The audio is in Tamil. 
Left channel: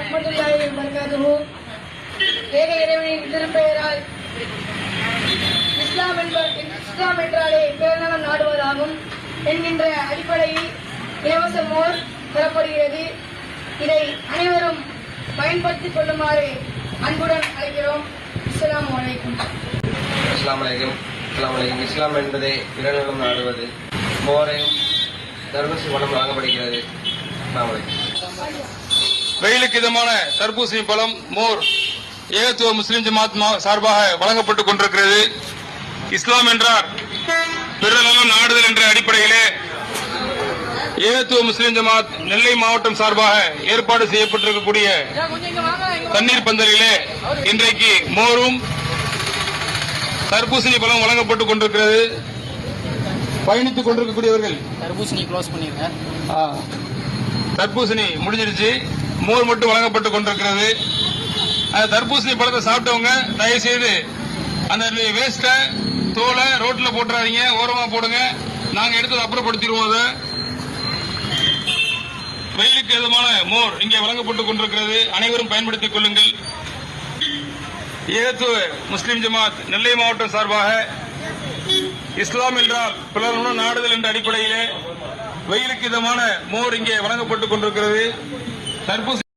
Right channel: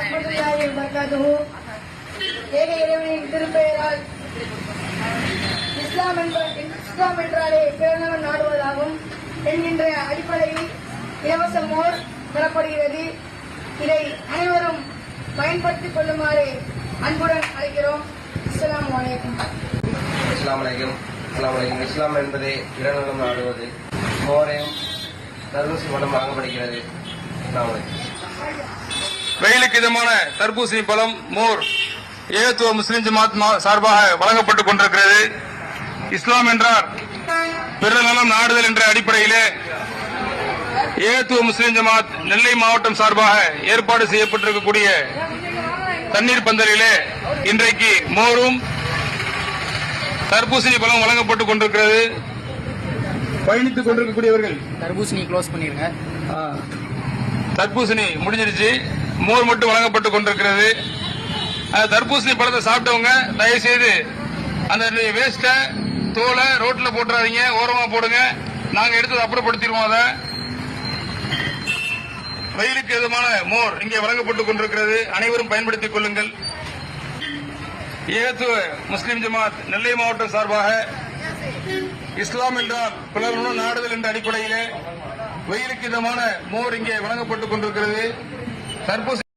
வரஹ்மத்துல்லாஹி வபரகாத்துஹு. ஏக இறைவனின் திருப்பெயரால் இஸ்லாம் என்றாலே பிறந்தவன் நாடுவதாகும் என்கின்ற அடிப்படையில் இலவச மோர் தரப்படுகிறது. இதை அனைவரும் பயன்படுத்திக் கொள்ளுமாறு அன்புடன் அழைக்கிறோம். அஸ்ஸலாமு அலைக்கும். இஸ்லாம் என்பதை பிறநலம் நாடுவது, மோரையும் தர்பூசி பழம் வழங்கப்படுகிறது. வெயிலுக்கு இதமான தர்பூசி பழம், மோர் ஏகத்துவ முஸ்லிம் ஜமாத் சார்பாக வழங்கப்பட்டுக் கொண்டிருக்கிறது. இஸ்லாம் என்றால் பிறநலம் நாடுதல் என்ற அடிப்படையிலே ஏகத்துவ முஸ்லிம் ஜமாத் நெல்லை மாவட்டம் சார்பாக ஏற்பாடு செய்யப்பட்டிருக்கக்கூடிய தண்ணீர் பந்தலிலே இன்றைக்கு மோரும் தர்பூசணி பழம் வழங்கப்பட்டுக் கொண்டிருக்கிறது. பயணித்துக் கொண்டிருக்கக்கூடியவர்கள் தர்பூசணி க்ளோஸ் பண்ணிருங்க. தர்பூசணி முடிஞ்சிருச்சு, மோர் மட்டும் வழங்கப்பட்டுக் கொண்டிருக்கிறது. தர்பூசணி பழத்தை சாப்பிட்டவங்க தயவு செய்து அந்த வேஸ்ட தோலை ரோட்ல போட்டுறாதீங்க, ஓரமா போடுங்க. நாங்க எடுத்து அப்புறப்படுத்திடுவோம். அதை வெயிலுக்கு எதுமான மோர் இங்கே வழங்கப்பட்டுக் கொண்டிருக்கிறது. அனைவரும் பயன்படுத்திக் கொள்ளுங்கள். ஏகத்துவ முஸ்லிம் ஜமாத் நெல்லை மாவட்டம் சார்பாக இஸ்லாம் என்றால் பிறநலம் நாடுதல் என்ற அடிப்படையிலே வெயிலுக்கு இதமான மோர் இங்கே வழங்கப்பட்டுக் கொண்டிருக்கிறது. தர்பூசணி